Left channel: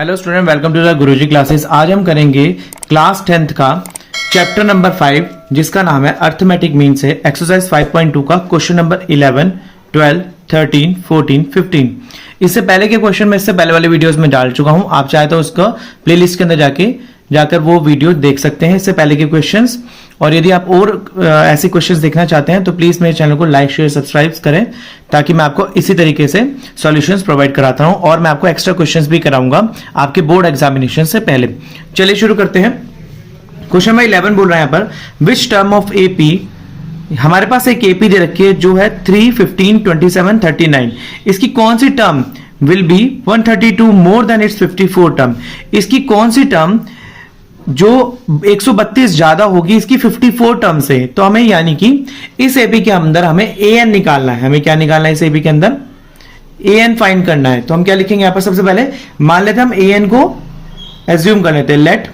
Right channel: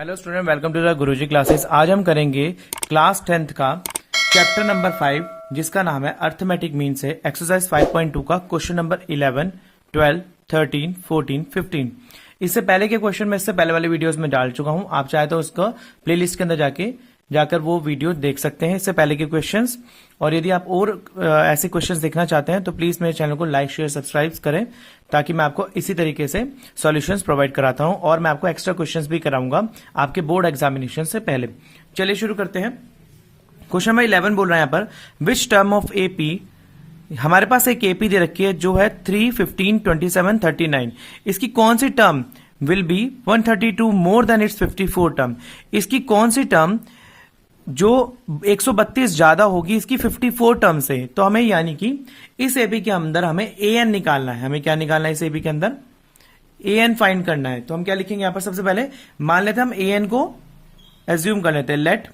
Hello student, welcome to the Guruji classes. आज हम करेंगे क्लास 10th का चैप्टर नंबर 5 जिसका नाम है अर्थमेटिक मीन से एक्सरसाइज 5.2 का क्वेश्चन नंबर 11, 12, 13, 14, 15। इससे पहले के क्वेश्चन मैं इससे पहले वाले वीडियोस में डाल चुका हूं। आप चाहे तो उसका प्लेलिस्ट के अंदर जाकर वो वीडियो देख सकते हैं, इससे पहले के क्वेश्चंस। और यदि आप और ऐसे क्वेश्चंस देखना चाहते हैं तो प्लीज मेरे चैनल को लाइक शेयर सब्सक्राइब करें, ताकि मैं आपको इसी तरीके से सॉल्यूशंस प्रोवाइड कराता हूं और मैं आपको एक्स्ट्रा क्वेश्चंस भी कराऊंगा आपके बोर्ड एग्जामिनेशन से पहले। चलिए शुरू करते हैं। क्वेश्चन नंबर 11 बोल रहा है यहाँ पर, विच टर्म ऑफ एपी, हमारे पास एक एपी दे रखी है जो है 3, 15, 27, 39। इसकी कौन सी term will be 132 more than it's 54 term. इसकी कौन सी टर्म जो 132 ज्यादा होगी इसकी 54 टर्म से। तो हमें यानी कि इस एपी के अंदर हमें ए एन निकालना है। हमें क्या निकालना है इस एपी के अंदर? ए एन फाइंड करना है। तो हम क्या लिखेंगे यहां पर? सबसे पहले मान लेते हैं हम ए एन को एज्यूम कर लेते हैं। Let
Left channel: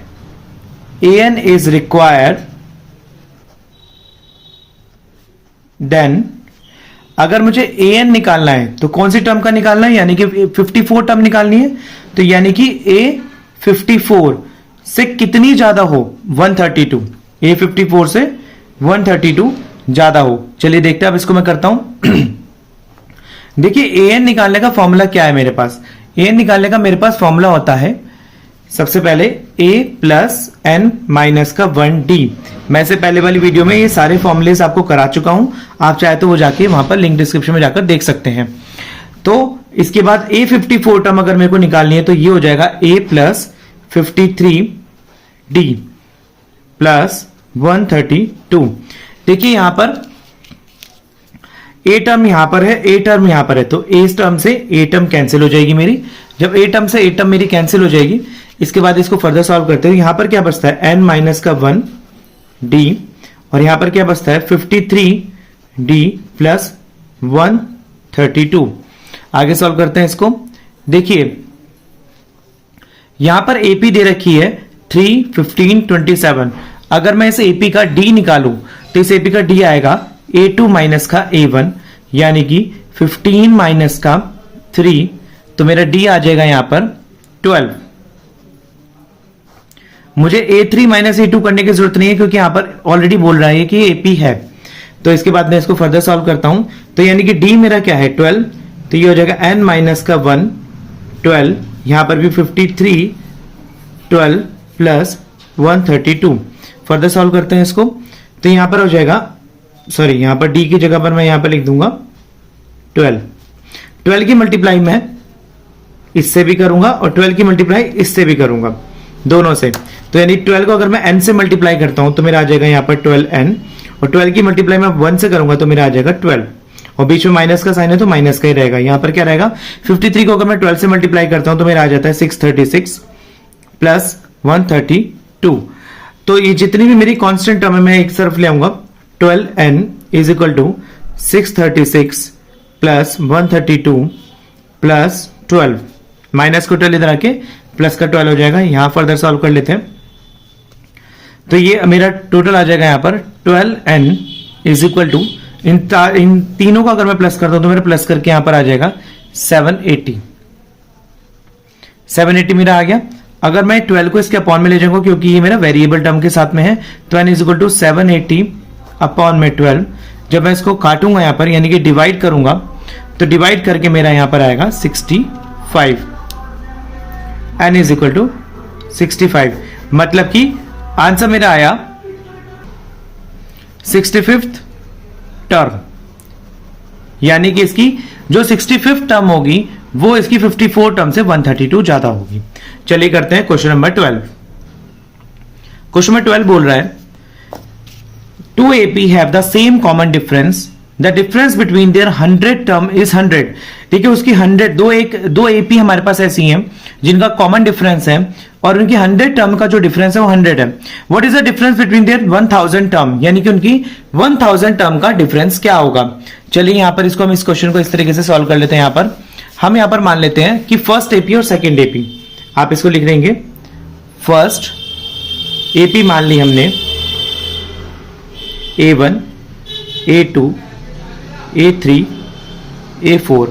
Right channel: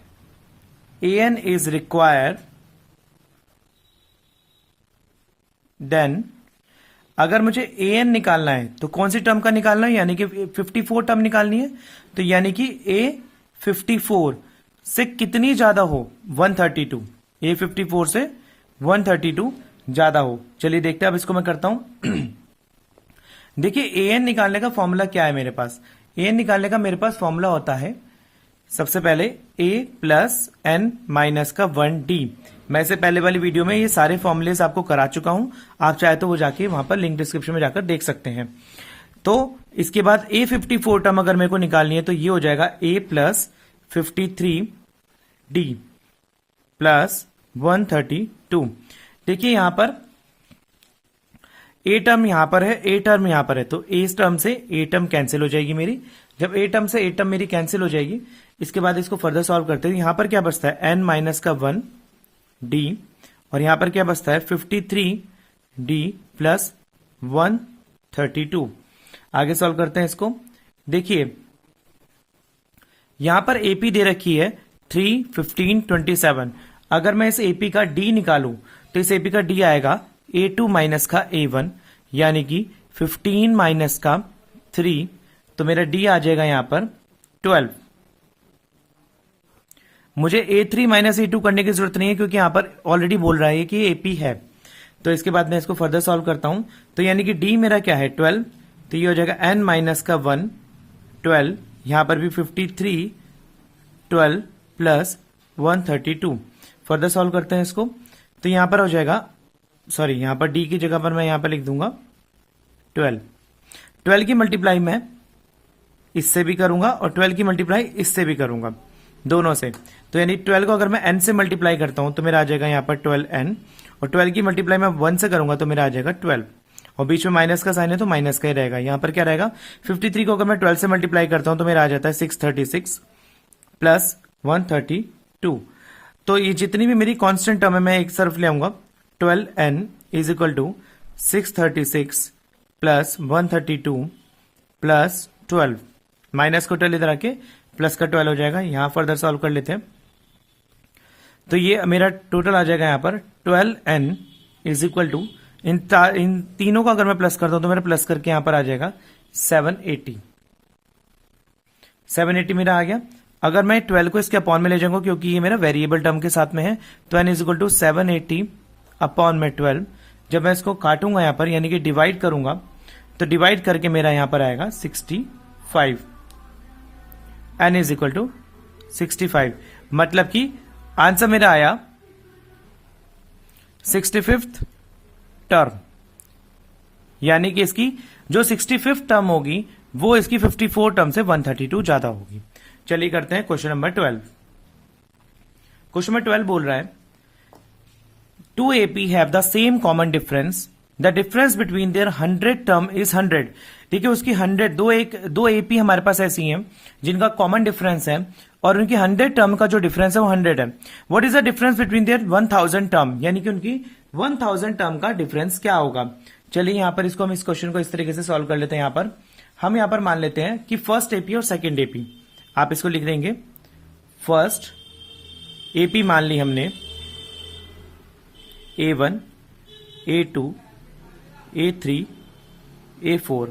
a n is required, then अगर मुझे ए एन निकालना है तो कौन सी टर्म का निकालना है? यानी कि 54 टर्म निकालनी है। तो यानी कि ए 54 से कितनी ज्यादा हो? 132। ए 54 से 132 ज्यादा हो। चलिए देखते हैं, अब इसको मैं करता हूं। देखिए ए एन निकालने का फॉर्मूला क्या है मेरे पास? ए एन निकालने का मेरे पास फॉर्मूला होता है सबसे पहले ए प्लस एन माइनस का 1d। मैं से पहले वाली वीडियो में ये सारे फॉर्मूलेस आपको करा चुका हूं, आप चाहे तो वो जाके वहां पर लिंक डिस्क्रिप्शन में जाकर देख सकते हैं। तो इसके बाद ए 54 टर्म अगर मेरे को निकालनी है तो ये हो जाएगा ए प्लस 53d प्लस 132। देखिए यहां पर ए टर्म यहां पर है, ए टर्म यहां पर है, तो ए टर्म से ए टर्म कैंसिल हो जाएगी मेरी। जब ए टर्म से ए टर्म मेरी कैंसिल हो जाएगी, इसके बाद इसको फर्दर सॉल्व करते हुए यहां पर क्या बचता है? n माइनस का 1d, और यहां पर क्या बचता है? 53d plus 132। आगे सॉल्व करते हैं इसको। देखिए यहां पर एपी दे रखी है 3, 15, 27। अगर मैं इस एपी का डी निकालूं तो इस एपी का डी आएगा A2 माइनस का A1, यानी कि 15 माइनस का 3, तो मेरा डी आ जाएगा यहां पर 12। मुझे A3 माइनस A2 करने की जरूरत नहीं है, क्योंकि यहां पर ऑलरेडी बोल रहा है कि एपी है। तो इसके बाद मैं इसको फर्दर सॉल्व करता हूं। तो यानी कि डी मेरा क्या है? 12। तो ये हो जाएगा n माइनस का 1, 12, यहां पर भी 53, 12 प्लस 132। फर्दर सॉल्व करते हैं इसको। तो यहां पर हो जाएगा, सॉरी यहां पर डी की जगह पर मैं यहां पर लिख दूंगा 12। 12 की मल्टीप्लाई मैं इससे भी करूंगा और 12 की मल्टीप्लाई इससे भी करूंगा, दोनों से। तो यानी 12 को अगर मैं n से मल्टीप्लाई करता हूं तो मेरा आ जाएगा यहां पर 12n, और 12 की मल्टीप्लाई मैं 1 से करूंगा तो मेरा आ जाएगा 12, और बीच में माइनस का साइन है तो माइनस का ही रहेगा। यहां पर क्या रहेगा? 53 को अगर मैं 12 से मल्टीप्लाई करता हूं तो मेरा आ जाता है 636 प्लस 132। तो ये जितनी भी मेरी कांस्टेंट टर्म है मैं एक तरफ ले आऊंगा। 12n is equal to 636 plus 132 plus 12, minus को 12 इधर आके प्लस का 12 हो जाएगा। यहां फर्दर सॉल्व कर लेते हैं। तो ये मेरा टोटल आ जाएगा यहां पर 12n इज इक्वल टू, इन तीनों का अगर मैं प्लस करता हूं तो मेरा प्लस करके यहां पर आ जाएगा 780। 780 मेरा आ गया। अगर मैं 12 को इसके अपॉन में ले जाऊंगा, क्योंकि ये मेरा वेरिएबल टर्म के साथ में है, तो n is equal to 780 upon में 12। जब मैं इसको काटूंगा यहां पर, यानी कि डिवाइड करूंगा, तो डिवाइड करके मेरा यहां पर आएगा 65। n इज इक्वल टू 65, मतलब कि आंसर मेरा आया 65th टर्म, यानी कि इसकी जो 65th टर्म होगी वो इसकी 54 टर्म से 132 ज्यादा होगी। चलिए करते हैं क्वेश्चन नंबर 12। क्वेश्चन नंबर 12 बोल रहा है, two AP have the same common difference, the difference between their 100 term is 100। देखिए उसकी 100, दो एपी हमारे पास ऐसी हैं जिनका कॉमन डिफरेंस है, और उनकी 100 टर्म का जो डिफरेंस है वो 100 है। What is the difference between there 1000 term, यानी कि उनकी 1000 टर्म का डिफरेंस क्या होगा? चलिए यहां पर इसको हम इस क्वेश्चन को इस तरीके से सॉल्व कर लेते हैं। हम यहां पर मान लेते हैं कि फर्स्ट एपी और सेकेंड एपी, आप इसको लिख देंगे फर्स्ट एपी मान ली हमने A1, A2, A3, A4।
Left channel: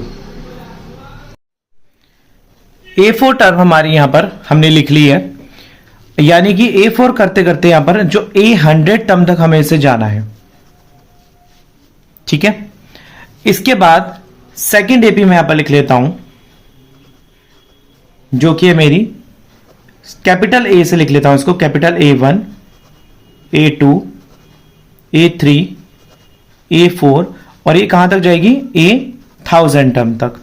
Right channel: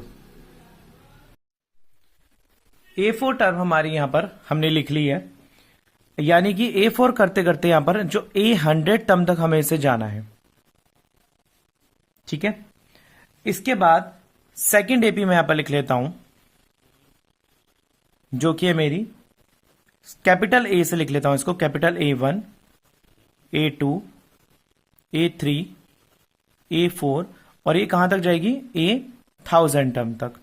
A4 term हमारी यहां पर हमने लिख ली है, यानी कि A4 करते करते यहां पर जो A100 टर्म तक हमें इसे जाना है। ठीक है, इसके बाद सेकंड एपी मैं यहां पर लिख लेता हूं, जो कि है मेरी कैपिटल ए से लिख लेता हूं इसको, capital A1, A2, A3, A4, और ये कहां तक जाएगी, A1000 टर्म तक।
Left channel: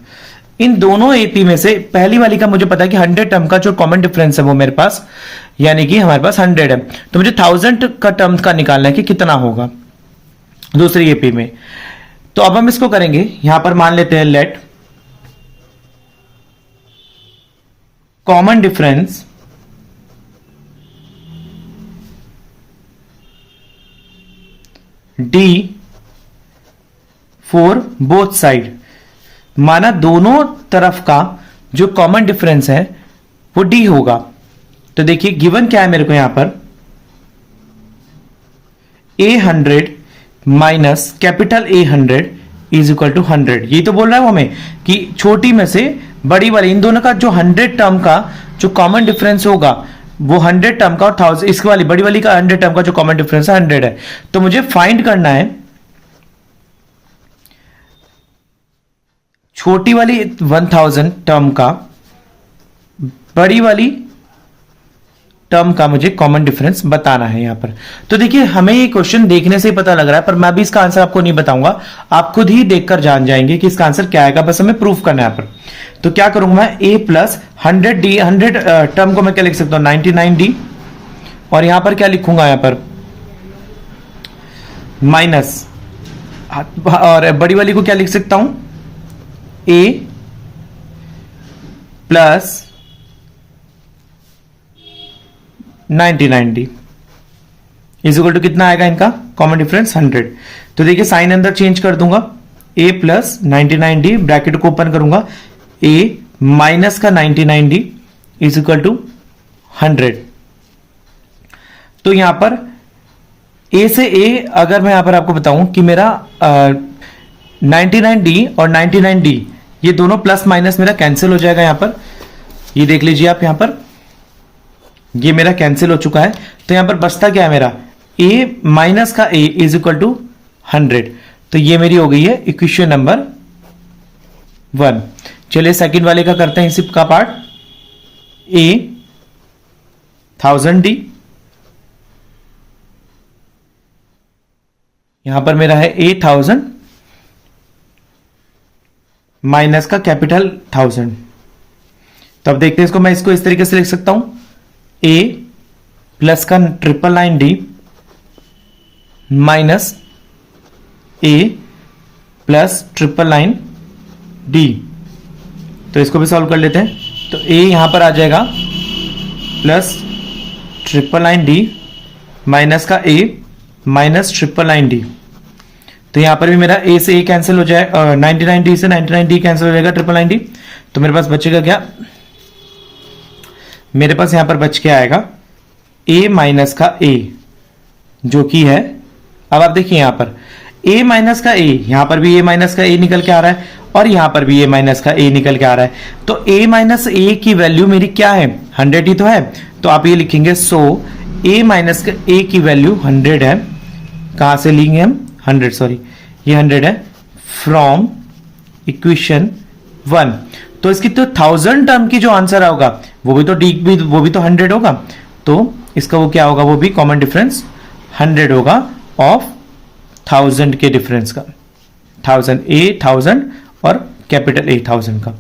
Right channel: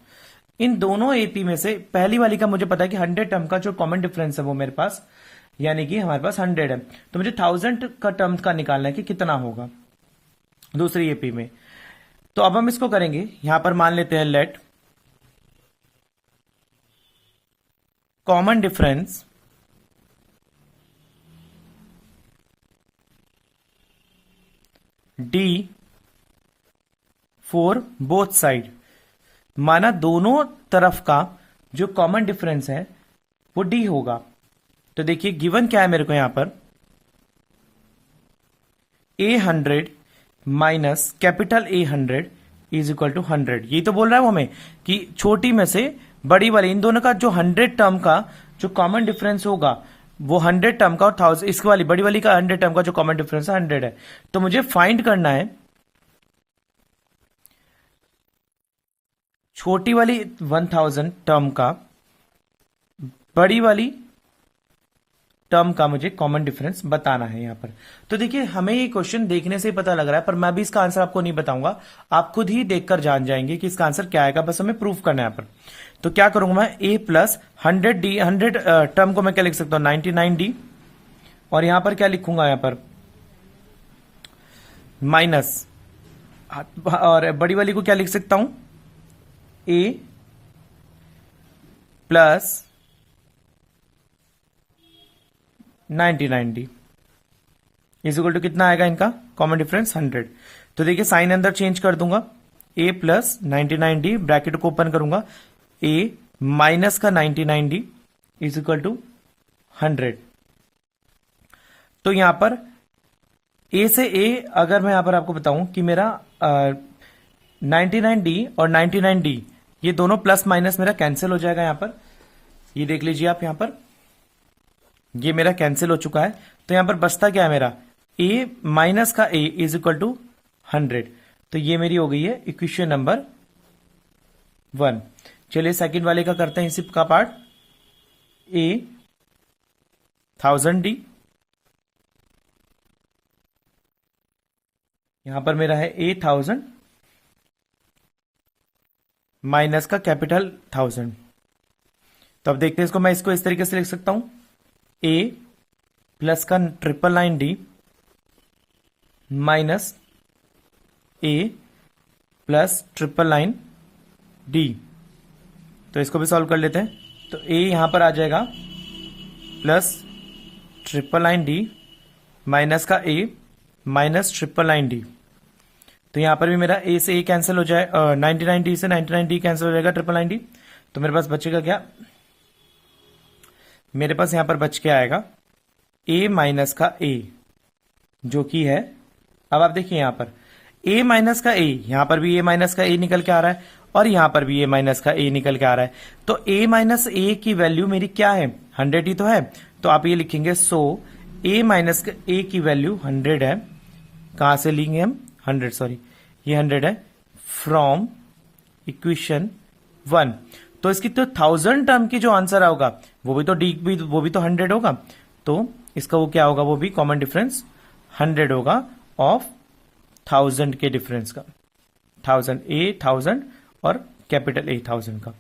इन दोनों एपी में से पहली वाली का मुझे पता है कि 100 टर्म का जो कॉमन डिफरेंस है वो मेरे पास, यानी कि हमारे पास 100 है, तो मुझे 1000 का टर्म का निकालना है कि कितना होगा दूसरी एपी में। तो अब हम इसको करेंगे, यहां पर मान लेते हैं late common difference D for both side, माना दोनों तरफ का जो कॉमन डिफरेंस है वो डी होगा। तो देखिए गिवन क्या है मेरे को यहां पर, A100 minus capital A100 is equal to 100। यही तो बोल रहा है वो हमें कि छोटी में से बड़ी वाली, इन दोनों का जो 100 टर्म का जो कॉमन डिफरेंस होगा वो 100 टर्म का, और 1000 इसकी वाली बड़ी वाली का 100 टर्म का जो कॉमन डिफरेंस है 100 है। तो मुझे फाइंड करना है छोटी वाली 1000 टर्म का बड़ी वाली टर्म का मुझे कॉमन डिफरेंस बताना है यहां पर। तो देखिए हमें ये क्वेश्चन देखने से ही पता लग रहा है, पर मैं भी इसका आंसर आपको नहीं बताऊंगा, आप खुद ही देखकर जान जाएंगे कि इसका आंसर क्या आएगा, बस हमें प्रूफ करना है यहां पर। तो क्या करूंगा मैं, A प्लस 100D, 100 टर्म को मैं क्या लिख सकता हूं, 99D, और यहां पर क्या लिखूंगा, यहां पर माइनस, और बड़ी वाली को क्या लिख सकता हूं, A plus 99D is equal to कितना आएगा इनका कॉमन डिफरेंस 100। तो देखिए साइन अंदर चेंज कर दूंगा, A प्लस 99D, ब्रैकेट को ओपन करूंगा, A माइनस का 99D इज इक्वल टू 100। तो यहां पर A से A, अगर मैं यहां पर आपको बताऊं कि मेरा 99D और 99D ये दोनों प्लस माइनस मेरा कैंसिल हो जाएगा यहां पर, ये देख लीजिए आप, यहां पर ये मेरा कैंसिल हो चुका है। तो यहां पर बचता क्या है मेरा, A माइनस का A इज इक्वल टू 100। तो ये मेरी हो गई है इक्वेशन नंबर 1। चलिए सेकंड वाले का करते हैं इसी का पार्ट, A 1000D, यहां पर मेरा है A1000 माइनस का कैपिटल 1000। तो अब देखते हैं इसको, मैं इसको इस तरीके से लिख सकता हूं, A प्लस का 999D minus A plus 999D। तो इसको भी सॉल्व कर लेते हैं। तो A यहां पर आ जाएगा प्लस 999D माइनस का A माइनस 999D। तो यहां पर भी मेरा A से A कैंसिल हो जाए, 99D से 99D कैंसिल हो जाएगा, 999D। तो मेरे पास बचेगा क्या, मेरे पास यहां पर बच के आएगा A माइनस का A, जो कि है, अब आप देखिए यहां पर A माइनस का A, यहां पर भी A माइनस का A निकल के आ रहा है, और यहां पर भी A माइनस का A निकल के आ रहा है। तो A माइनस A की वैल्यू मेरी क्या है, 100 ही तो है। तो आप ये लिखेंगे, सो A माइनस का A की वैल्यू 100 है। कहां से लेंगे हम, 100, सॉरी ये 100 है फ्रॉम इक्वेशन 1। तो इसकी तो 1000 टर्म की जो आंसर होगा वो भी तो डी भी, वो भी तो 100 होगा। तो इसका वो क्या होगा, वो भी कॉमन डिफरेंस 100 होगा ऑफ 1000 के डिफरेंस का, 1000 A1000 और कैपिटल A1000 का,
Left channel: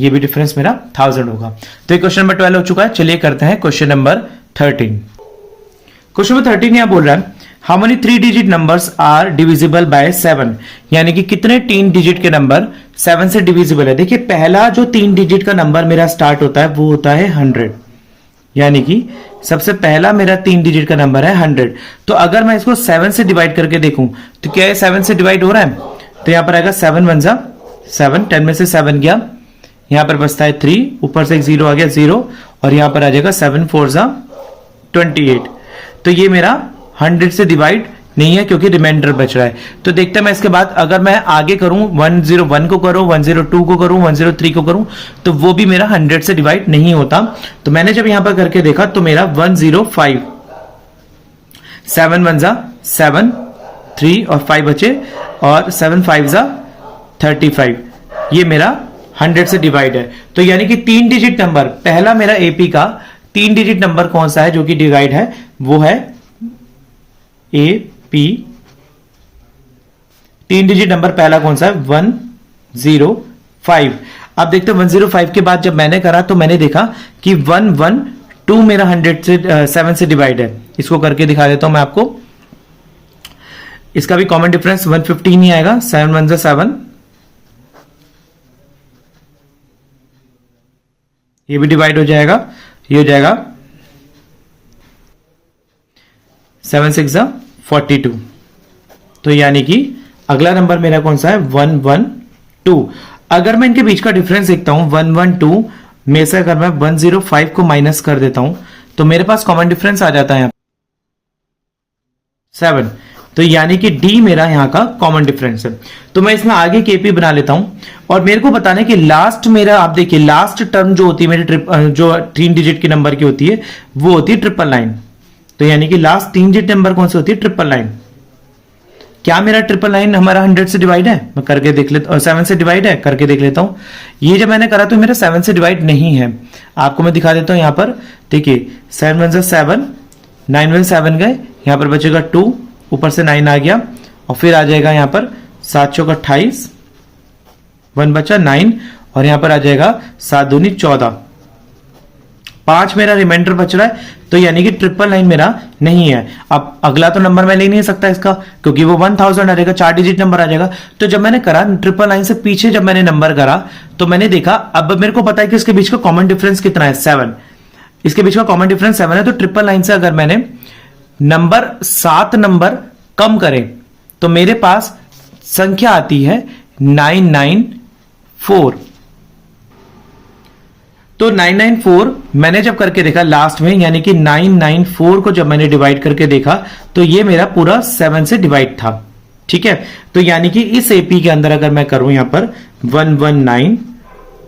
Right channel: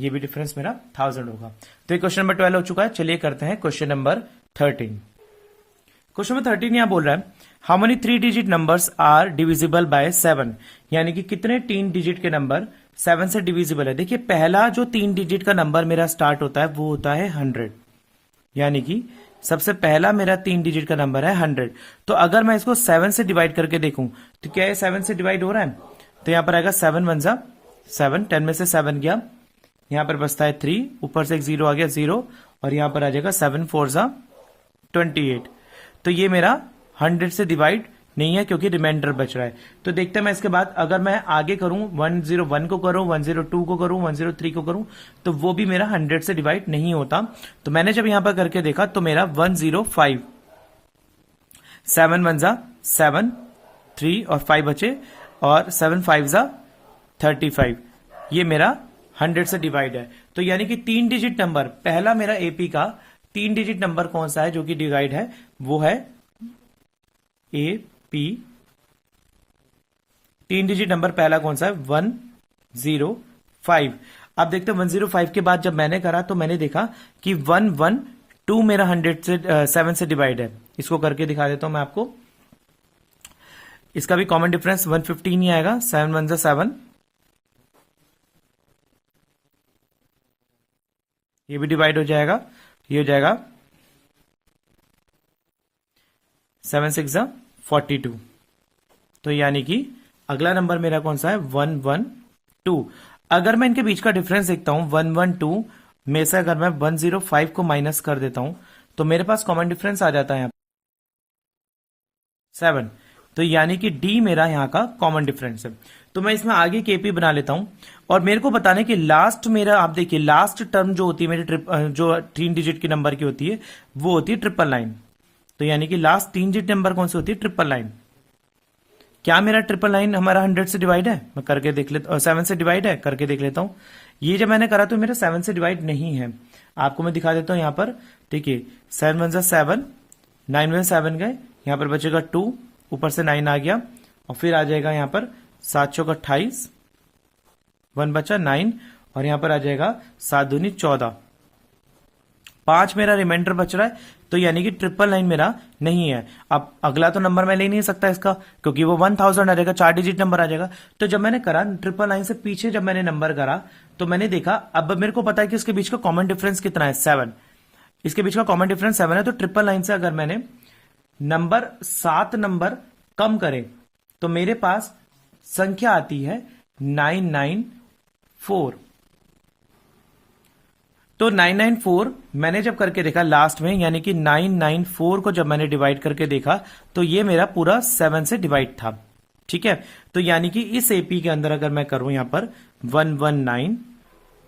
ये भी डिफरेंस मेरा 1000 होगा। तो ये क्वेश्चन नंबर 12 हो चुका है। चलिए करते हैं क्वेश्चन नंबर 13। क्वेश्चन नंबर 13 यहां बोल रहा है, how many 3 digit numbers are divisible by 7, यानी कि कितने 3 डिजिट के नंबर 7 से डिविजिबल है। देखिए पहला जो 3 डिजिट का नंबर मेरा स्टार्ट होता है वो होता है 100, यानी कि सबसे पहला मेरा 3 डिजिट का नंबर है 100। तो अगर मैं इसको 7 से डिवाइड करके देखूं तो क्या है, 7 से डिवाइड हो रहा है, तो यहां पर आएगा 7 1 जा 7, 10 में से 7 गया, यहां पर बचता है 3, ऊपर से एक 0 आ गया 0, और यहां पर आ जाएगा 7 4 जा 28। तो ये मेरा 100 से डिवाइड नहीं है क्योंकि रिमाइंडर बच रहा है। तो देखते हैं मैं इसके बाद अगर मैं आगे करूं 101 को करूं, 102 को करूं, 103 को करूं, तो वो भी मेरा 100 से डिवाइड नहीं होता। तो मैंने जब यहां पर करके देखा तो मेरा 105, 7 1 जा 7, 3 और 5 बचे, और 7 5 जा 35, ये मेरा 100 से डिवाइड है। तो यानी कि 3 डिजिट नंबर, पहला मेरा एपी का 3 डिजिट नंबर कौन सा है जो कि डिवाइड है, वो है एपी। 3 डिजिट नंबर पहला कौन सा है, 105। अब देखते हैं 105 के बाद जब मैंने करा तो मैंने देखा कि 112 मेरा 100 से 7 से डिवाइड है। इसको करके दिखा देता हूं मैं आपको। इसका भी कॉमन डिफरेंस 115 ही आएगा, 7 1 जा 7, ये भी डिवाइड हो जाएगा, ये हो जाएगा 7 6 जा 42। तो यानी कि अगला नंबर मेरा कौन सा है, 112। अगर मैं इनके बीच का डिफरेंस देखता हूं 112 में से अगर मैं 105 को माइनस कर देता हूं तो मेरे पास कॉमन डिफरेंस आ जाता है 7। तो यानी कि डी मेरा यहां का कॉमन डिफरेंस है। तो मैं इसमें आगे केपी बना लेता हूं, और मेरे को बताना है कि लास्ट मेरा, आप देखिए लास्ट टर्म जो होती है मेरी जो 3 डिजिट की नंबर की होती है वो होती है 999। तो यानी कि लास्ट 3 डिजिट नंबर कौन सी होती है, 999। क्या मेरा 999 हमारा 100 से डिवाइड है, मैं करके देख लेता हूं, 7 से डिवाइड है, करके देख लेता हूं। ये जब मैंने करा तो मेरा 7 से डिवाइड नहीं है। आपको मैं दिखा देता हूं यहां पर, देखिए 7 1 7, 9 1 7 गए, यहां पर बचेगा 2, ऊपर से 9 आ गया, और फिर आ जाएगा यहां पर 7 चौक 28, 1 बचा 9, और यहां पर आ जाएगा 7 दूनी 14, 5 मेरा रिमाइंडर बच रहा है। तो यानी कि 999 मेरा नहीं है। अब अगला तो नंबर मैं ले नहीं सकता इसका, क्योंकि वो 1000 आ जाएगा, 4 डिजिट नंबर आ जाएगा। तो जब मैंने करा 999 से पीछे जब मैंने नंबर करा तो मैंने देखा, अब मेरे को पता है कि इसके बीच का कॉमन डिफरेंस कितना है, 7। इसके बीच का कॉमन डिफरेंस 7 है। तो 999 से अगर मैंने नंबर 7 नंबर कम करे तो मेरे पास संख्या आती है 994। तो 994 मैंने जब करके देखा लास्ट में, यानी कि 994 को जब मैंने डिवाइड करके देखा तो ये मेरा पूरा 7 से डिवाइड था। ठीक है, तो यानी कि इस एपी के अंदर अगर मैं करूं यहां पर 119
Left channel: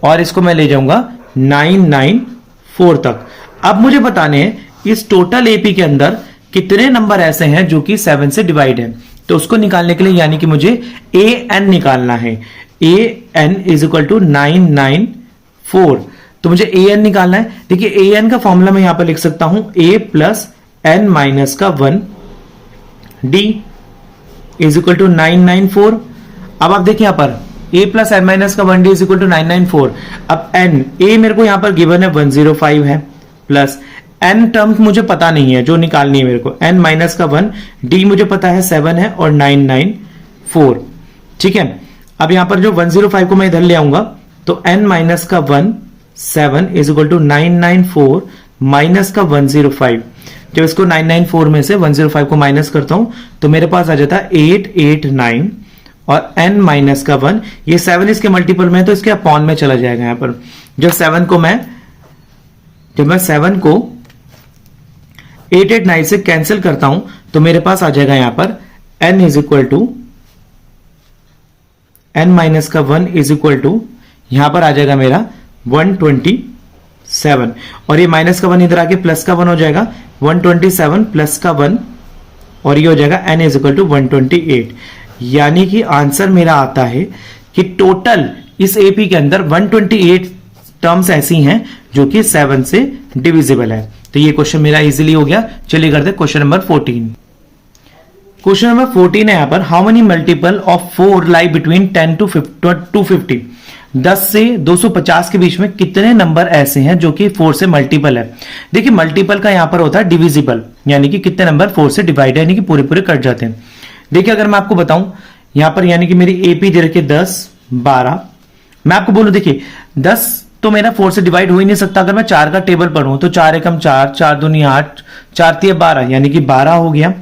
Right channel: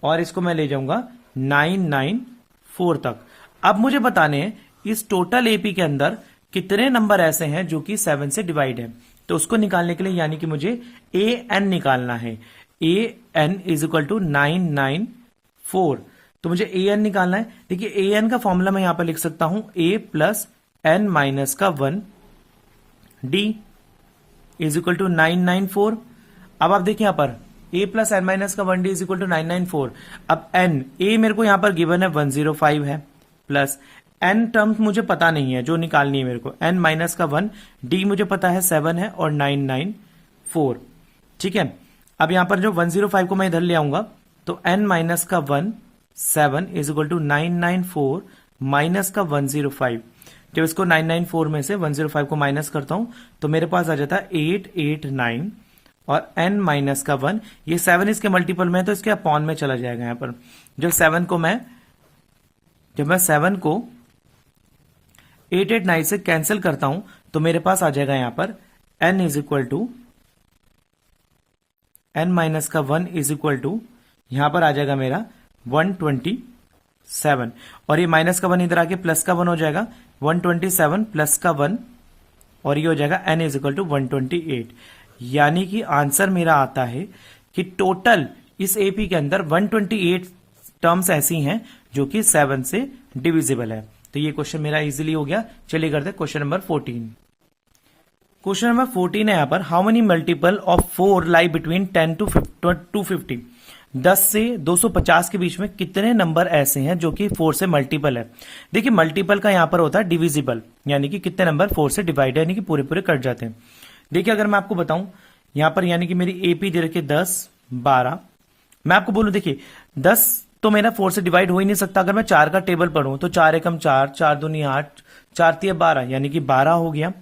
और इसको मैं ले जाऊंगा 994 तक। अब मुझे बताने हैं इस टोटल एपी के अंदर कितने नंबर ऐसे हैं जो कि 7 से डिवाइड है। तो उसको निकालने के लिए यानी कि मुझे ए एन निकालना है। ए एन इज इक्वल टू 994। तो मुझे ए एन निकालना है। देखिए ए एन का फॉर्मूला मैं यहां पर लिख सकता हूं, ए प्लस एन माइनस का 1 डी इज इक्वल टू 994। अब आप देखिए यहां पर ए प्लस एन माइनस का 1 डी इज इक्वल टू 994। अब एन, ए मेरे को यहां पर गिवन है 105 है, प्लस एन टर्म्स मुझे पता नहीं है जो निकालनी है मेरे को, एन माइनस का 1, डी मुझे पता है 7 है, और 994। ठीक है, अब यहां पर जो 105 को मैं इधर ले आऊंगा तो एन माइनस का 1 7 इज इक्वल टू 994 माइनस का 105। जब इसको 994 में से 105 को माइनस करता हूं तो मेरे पास आ जाता है 889, और n माइनस का 1, ये 7 इसके मल्टीपल में है तो इसके अपॉन में चला जाएगा। यहां पर जब 7 को मैं 889 से कैंसिल करता हूं तो मेरे पास आ जाएगा यहां पर n is equal to n minus का 1 इज इक्वल टू, यहां पर आ जाएगा मेरा 127, और ये माइनस का 1 इधर आके प्लस का 1 हो जाएगा, 127 प्लस का 1, और ये हो जाएगा n इज इक्वल टू 128। यानी कि आंसर मेरा आता है कि टोटल इस एपी के अंदर 128 टर्म्स ऐसी हैं जो कि 7 से डिविजिबल है। तो ये क्वेश्चन मेरा इजीली हो गया। चलिए करते हैं क्वेश्चन नंबर 14। क्वेश्चन नंबर 14 है यहां पर, how many multiple of 4 lie between 10 to 250। 10 से 250 के बीच में कितने नंबर ऐसे हैं जो कि 4 से मल्टीपल है। देखिए मल्टीपल का यहां पर होता है डिविजिबल, यानी कि कितने नंबर 4 से डिवाइड है, यानी कि पूरे पूरे कट जाते हैं। देखिए अगर मैं आपको बताऊं यहां पर, यानी कि मेरी एपी दे रखी 10 12, मैं आपको बोलूं देखिए 10 तो मेरा 4 से डिवाइड हो ही नहीं सकता। अगर मैं 4 का टेबल पढ़ूं तो 4 एकम 4, 4 दूनी 8, 4 तिया 12, यानी कि 12 हो गया,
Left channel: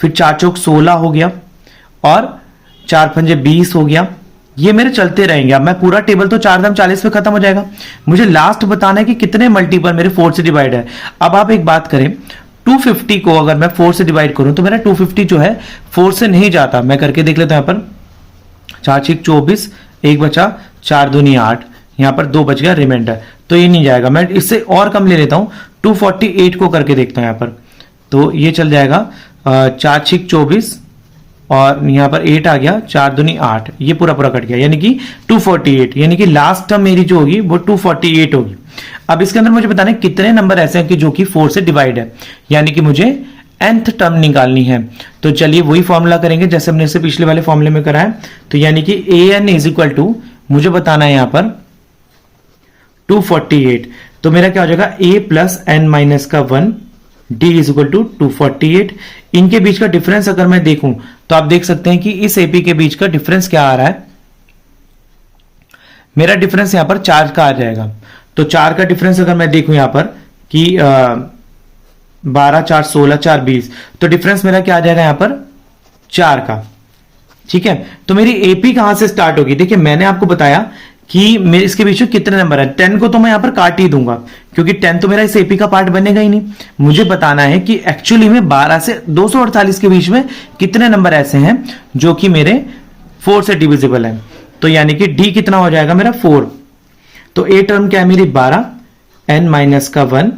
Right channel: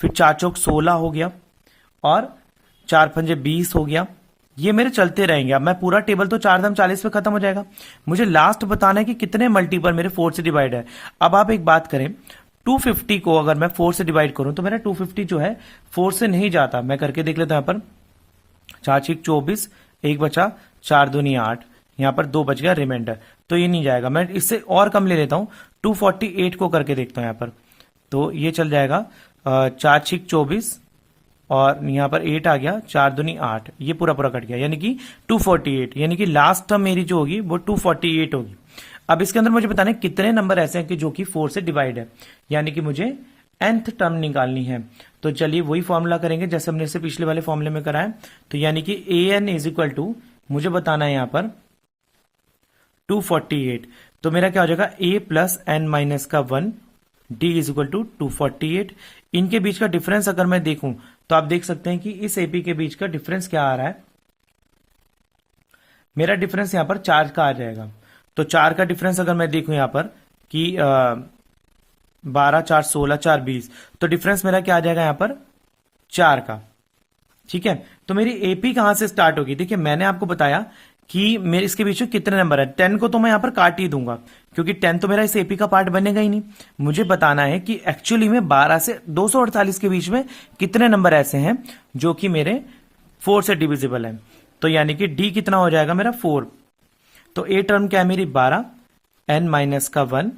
फिर 4 चौक 16 हो गया, और 4 पंजे 20 हो गया। ये मेरे चलते रहेंगे। अब मैं पूरा टेबल तो 4 दाम 40 पे खत्म हो जाएगा। मुझे लास्ट बताना है कि कितने मल्टीपल मेरे 4 से डिवाइड है। अब आप एक बात करें, 250 को अगर मैं 4 से डिवाइड करूं तो मेरा 250 जो है 4 से नहीं जाता। मैं करके देख लेता हूं। यहां पर 4 6 24, एक बचा, 4 दूनी 8, यहां पर 2 बच गया रिमाइंडर, तो ये नहीं जाएगा। मैं इससे और कम ले लेता हूं, 248 को करके देखता हूं यहां पर, तो ये चल जाएगा 4 6 24 और यहां पर 8 आ गया, 4 दूनी 8, ये पूरा पूरा कट गया, यानी कि 248, यानी कि लास्ट टर्म मेरी जो होगी वो 248 होगी। अब इसके अंदर मुझे बताना है कितने नंबर ऐसे हैं कि जो कि 4 से डिवाइड है, यानी कि मुझे nth टर्म निकालनी है। तो चलिए वही फॉर्मूला करेंगे जैसे हमने इससे पिछले वाले फॉर्मूले में करा है। तो यानी कि an इज इक्वल टू, मुझे बताना है यहां पर 248, तो मेरा क्या हो जाएगा a प्लस n माइनस का 1 d इज इक्वल टू 248। इनके बीच का डिफरेंस अगर मैं देखूं तो आप देख सकते हैं कि इस एपी के बीच का डिफरेंस क्या आ रहा है, मेरा डिफरेंस यहां पर 4 का आ जाएगा। तो 4 का डिफरेंस अगर मैं देखूं यहां पर कि 12 4 16 4 20, तो डिफरेंस मेरा क्या आ जाएगा यहां पर 4 का। ठीक है, तो मेरी एपी कहां से स्टार्ट होगी? देखिए मैंने आपको बताया कि मेरे इसके बीच में कितने नंबर है। 10 को तो मैं यहां पर काट ही दूंगा क्योंकि 10 तो मेरा इस एपी का पार्ट बनेगा ही नहीं। मुझे बताना है कि एक्चुअली में 12 से 248 के बीच में कितने नंबर ऐसे हैं जो कि मेरे 4 से डिविजिबल है। तो यानी कि डी कितना हो जाएगा मेरा 4। तो ए टर्म क्या है मेरी 12, n माइनस का 1,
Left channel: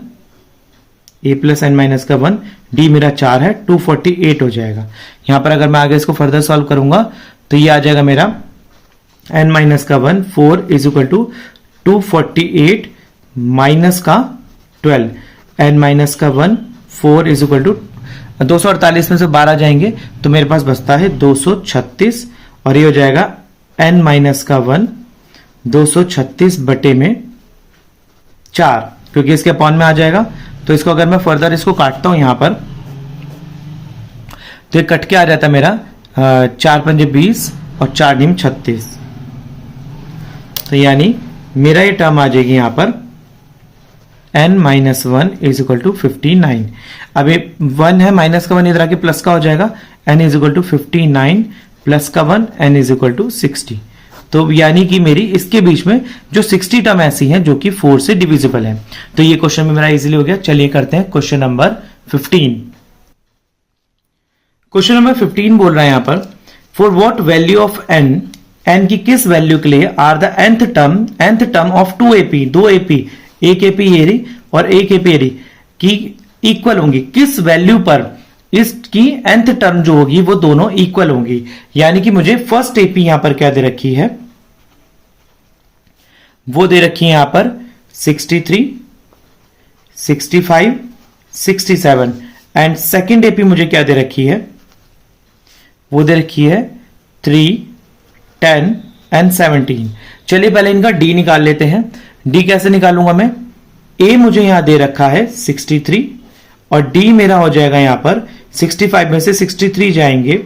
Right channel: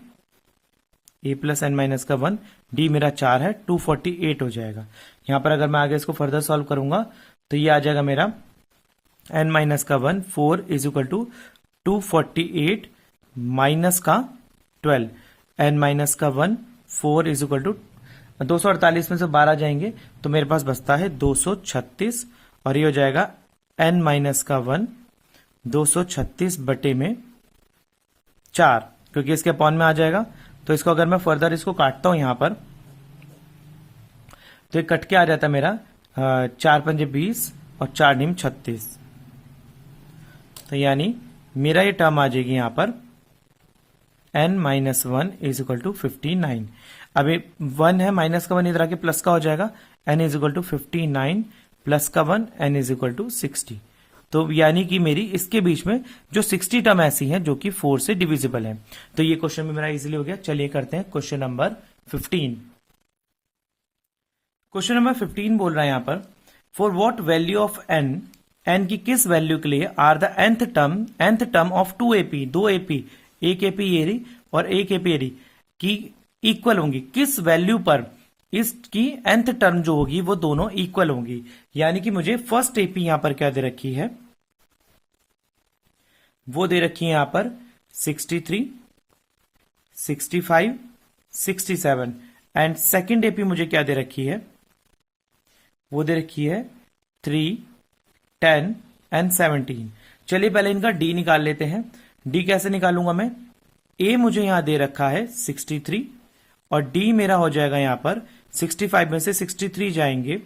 a प्लस एन माइनस का 1, डी मेरा 4 है, 248 हो जाएगा। यहां पर अगर मैं आगे इसको फर्दर सॉल्व करूंगा तो ये आ जाएगा मेरा n माइनस का 1 4 इज इक्वल टू 248 माइनस का 12, n माइनस का 1 4 इज इक्वल टू 248 में से 12 जाएंगे तो मेरे पास बचता है 236, और ये हो जाएगा n माइनस का 1 236 बटे में 4, क्योंकि इसके अपॉन में आ जाएगा। तो इसको अगर मैं फर्दर इसको काटता हूं यहां पर तो ये कट के आ जाता है मेरा 4 पंजे 20 और 4 नीम 36। तो यानी मेरा ये टर्म आ जाएगी यहां पर n minus 1 is equal to 59। अब ये 1 है, माइनस का 1 इधर आके प्लस का हो जाएगा, n is equal to 59 plus का 1 n इज इक्वल टू 60। तो यानी कि मेरी इसके बीच में जो 60 टर्म ऐसी हैं जो कि 4 से डिविजिबल है। तो ये क्वेश्चन में मेरा इजीली हो गया। चलिए करते हैं क्वेश्चन नंबर 15। क्वेश्चन नंबर 15 बोल रहा है यहां पर, for what value of n की किस वैल्यू के लिए are the nth term of 2 AP, 2 AP, एक AP ये रही और एक AP ये रही की इक्वल होंगी, किस वैल्यू पर इसकी nth टर्म जो होगी वो दोनों इक्वल होंगी। यानी कि मुझे फर्स्ट AP यहां पर क्या दे रखी है, वो दे रखी है यहां पर 63, 65, 67, एंड सेकेंड AP मुझे क्या दे रखी है, वो दे रखी है 3, 10 एंड 17। चलिए पहले इनका D निकाल लेते हैं। D कैसे निकालूंगा मैं, A मुझे यहां दे रखा है 63 और D मेरा हो जाएगा यहां पर 65 में से 63 जाएंगे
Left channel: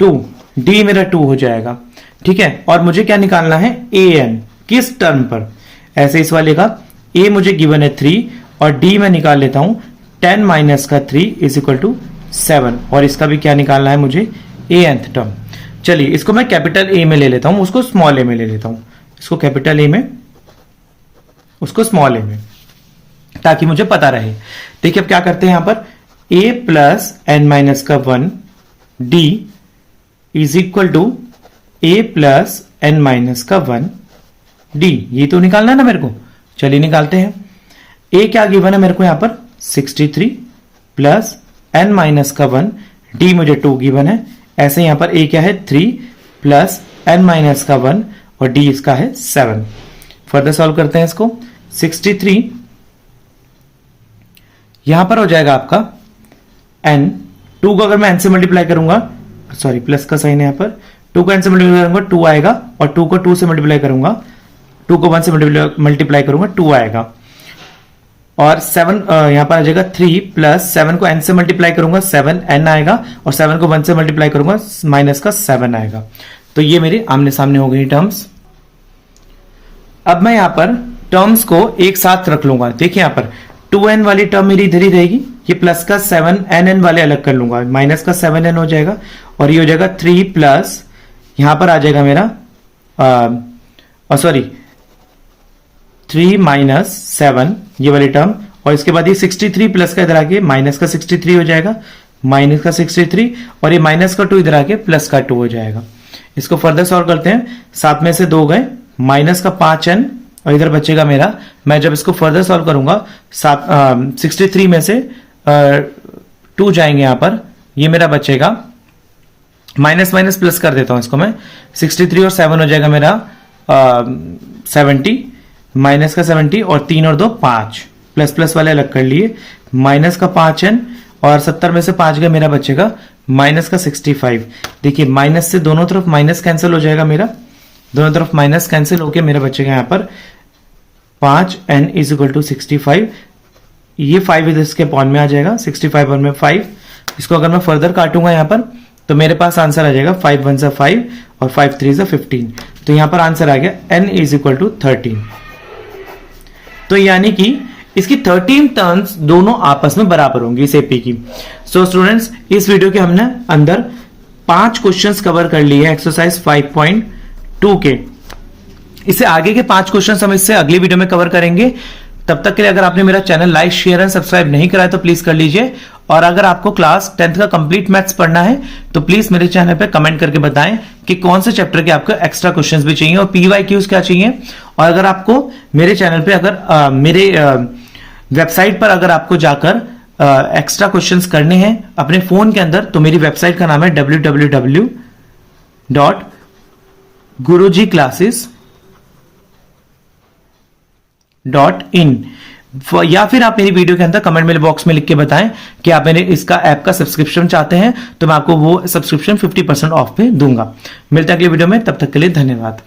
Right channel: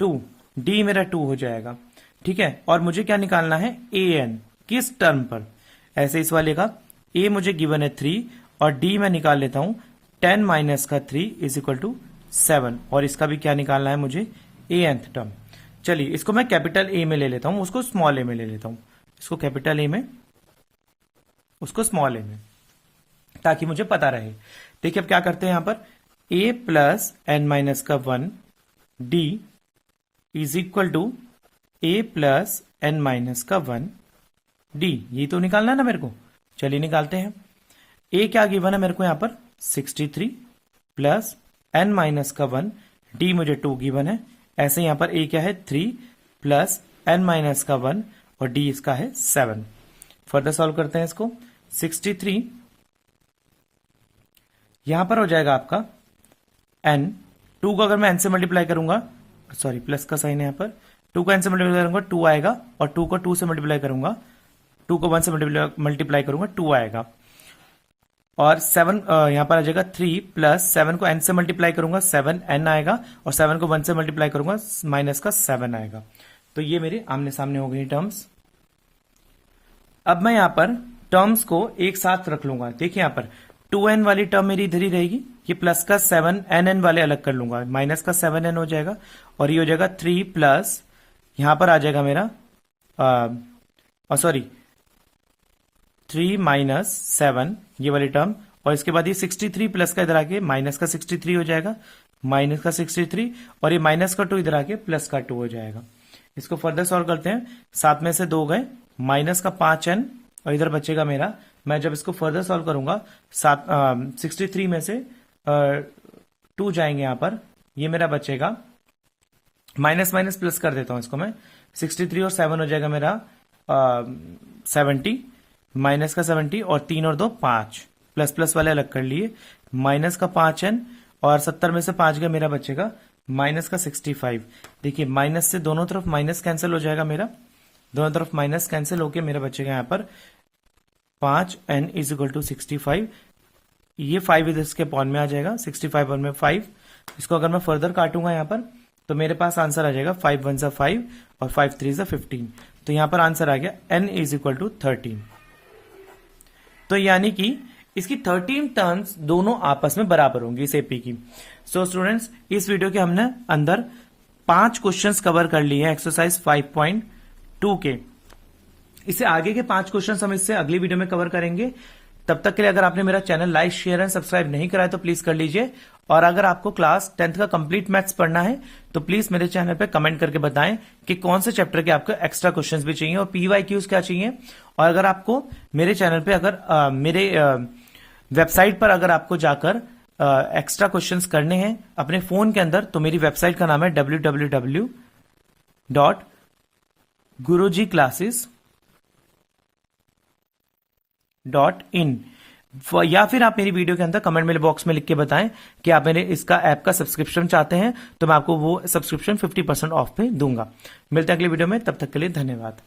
2, D मेरा 2 हो जाएगा। ठीक है, और मुझे क्या निकालना है AN, किस टर्म पर। ऐसे इस वाले का A मुझे गिवन है 3 और D मैं निकाल लेता हूं 10 माइनस का 3 इज इक्वल टू 7, और इसका भी क्या निकालना है मुझे ANth टर्म। चलिए इसको मैं कैपिटल A में ले लेता हूं, उसको स्मॉल a में ले लेता हूं, इसको कैपिटल A में, उसको स्मॉल a में, ताकि मुझे पता रहे। देखिए अब क्या करते हैं यहां पर, a प्लस एन माइनस का 1 d is equal to a plus n minus का 1 d, ये तो निकालना है ना मेरे को। चलिए निकालते हैं। a क्या गिवन है मेरे को यहां पर 63 प्लस एन माइनस का 1, d मुझे 2 गिवन है। ऐसे यहां पर a क्या है 3 प्लस एन माइनस का 1 और d इसका है 7। फर्दर सॉल्व करते हैं इसको। 63 यहां पर हो जाएगा आपका n, 2 को अगर मैं n से मल्टीप्लाई करूंगा, सॉरी प्लस का साइन है यहां पर, 2 को n से मल्टीप्लाई करूंगा 2 आएगा, और 2 को 2 से मल्टीप्लाई करूंगा, 2 को 1 से मल्टीप्लाई करूंगा 2 आएगा, और 7 यहां पर आ जाएगा 3 प्लस 7 को n से मल्टीप्लाई करूंगा 7 n आएगा, और 7 को 1 से मल्टीप्लाई करूंगा माइनस का 7 आएगा। तो ये मेरे आमने सामने हो गई टर्म्स। अब मैं यहां पर टर्म्स को एक साथ रख लूंगा। देखिए यहां पर 2n वाली टर्म मेरी इधर ही रहेगी, ये प्लस का 7nn वाले अलग कर लूंगा, माइनस का 7n हो जाएगा, और ये हो जाएगा 3 प्लस यहां पर आ जाएगा मेरा सॉरी 3 माइनस 7 ये वाली टर्म, और इसके बाद ये 63 प्लस का इधर आके माइनस का 63 हो जाएगा, माइनस का 63, और ये माइनस का 2 इधर आके प्लस का 2 हो जाएगा। इसको फर्दर सॉल्व करते हैं। 7 में से 2 गए, माइनस का 5n, और इधर बचेगा मेरा, मैं जब इसको फर्दर सॉल्व करूंगा 63 में से 2 जाएंगे यहां पर, ये मेरा बचेगा, माइनस माइनस प्लस कर देता हूं इसको मैं, 63 और 7 हो जाएगा मेरा 70, माइनस का 70 और 3 और 2 5, प्लस प्लस वाले अलग कर लिए, माइनस का 5n, और 70 में से 5 गए, मेरा बचेगा माइनस का 65। देखिए माइनस से दोनों तरफ माइनस कैंसिल हो जाएगा मेरा, दोनों तरफ माइनस कैंसिल होके मेरा बचेगा यहां पर 5n इज इक्वल टू 65। ये 5 इधर इसके पॉइंट में आ जाएगा, 65 और में 5, इसको अगर मैं फर्दर काटूंगा यहां पर तो मेरे पास आंसर आ जाएगा 5 1 5 और 5 3 15। तो यहां पर आंसर आ गया n इज इक्वल टू 13। तो यानी कि इसकी 13 टर्न्स दोनों आपस में बराबर होंगी इस एपी की। सो स्टूडेंट्स, इस वीडियो के हमने अंदर 5 क्वेश्चंस कवर कर लिए हैं एक्सरसाइज 5.2 के। इससे आगे के 5 क्वेश्चंस हम इससे अगली वीडियो में कवर करेंगे। तब तक के लिए अगर आपने मेरा channel like share and subscribe नहीं करा है तो प्लीज कर लीजिए, और अगर आपको क्लास 10th का कंप्लीट मैथ्स पढ़ना है तो प्लीज मेरे चैनल पे कमेंट करके बताएं कि कौन से चैप्टर के आपको एक्स्ट्रा क्वेश्चंस भी चाहिए और पीवाईक्यूज क्या चाहिए। और अगर आपको मेरे चैनल पे अगर मेरे वेबसाइट पर अगर आपको जाकर एक्स्ट्रा क्वेश्चंस करने हैं अपने फोन के अंदर, तो मेरी वेबसाइट का नाम है www.gurujiclasses.in, या फिर आप मेरी वीडियो के अंदर कमेंट मेरे बॉक्स में लिख के बताएं कि आप मेरे इसका ऐप का सब्सक्रिप्शन चाहते हैं, तो मैं आपको वो सब्सक्रिप्शन 50% ऑफ पे दूंगा। मिलते हैं अगली वीडियो में, तब तक के लिए धन्यवाद।